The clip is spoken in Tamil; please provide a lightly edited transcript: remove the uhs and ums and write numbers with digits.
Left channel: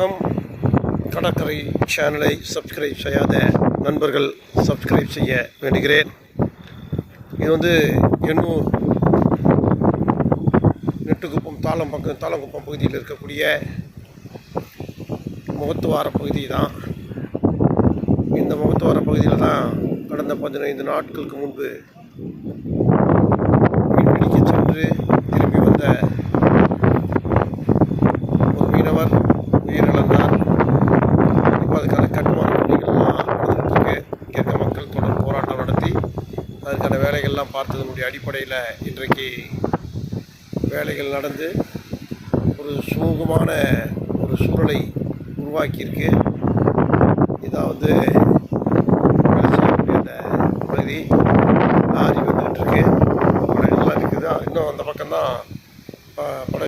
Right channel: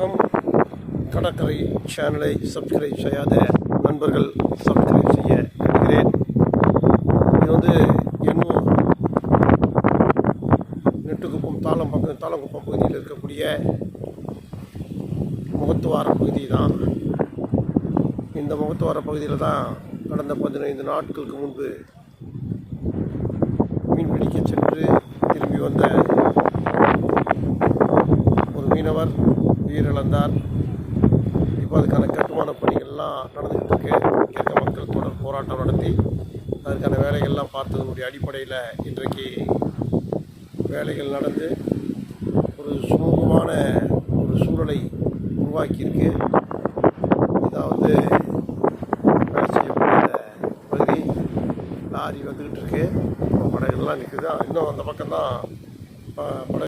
வணக்கம். கடற்கரை சேனலை சப்ஸ்கிரைப் செய்யாத நண்பர்கள் சப்ஸ்கிரைப் செய்ய வேண்டுகிறேன். இது எண்ணூர் நெட்டுக்குப்பம் தாளங்குப்பம் பகுதியில் இருக்கக்கூடிய முகத்துவார பகுதி தான். இந்த முகத்துவார பகுதியில் தான் கடந்த 15 நாட்களுக்கு முன்பு மீன்பிடிக்க சென்று திரும்பி வந்த ஒரு மீனவர் உயிரிழந்தார். இப்போ அதுக்கான கட்டுமான பணிகள்லாம் நடந்துகிட்டு இருக்கு. இங்கே இருக்க மக்கள் தொடர் போராட்டம் நடத்தி அதற்கான வேலைகள்லாம் பார்த்ததனுடைய அடிப்படையில் இன்றைக்கு வேலைகள் நடந்து ஒரு சுமூகமான ஒரு சூழலை உருவாக்கியிருக்கு. இதான் வேலை செய்யக்கூடிய பகுதி. லாரி வந்துக்கிட்டு இருக்கு, படகுலாம் இருக்குது. இன்னும் அந்த பக்கம்தான்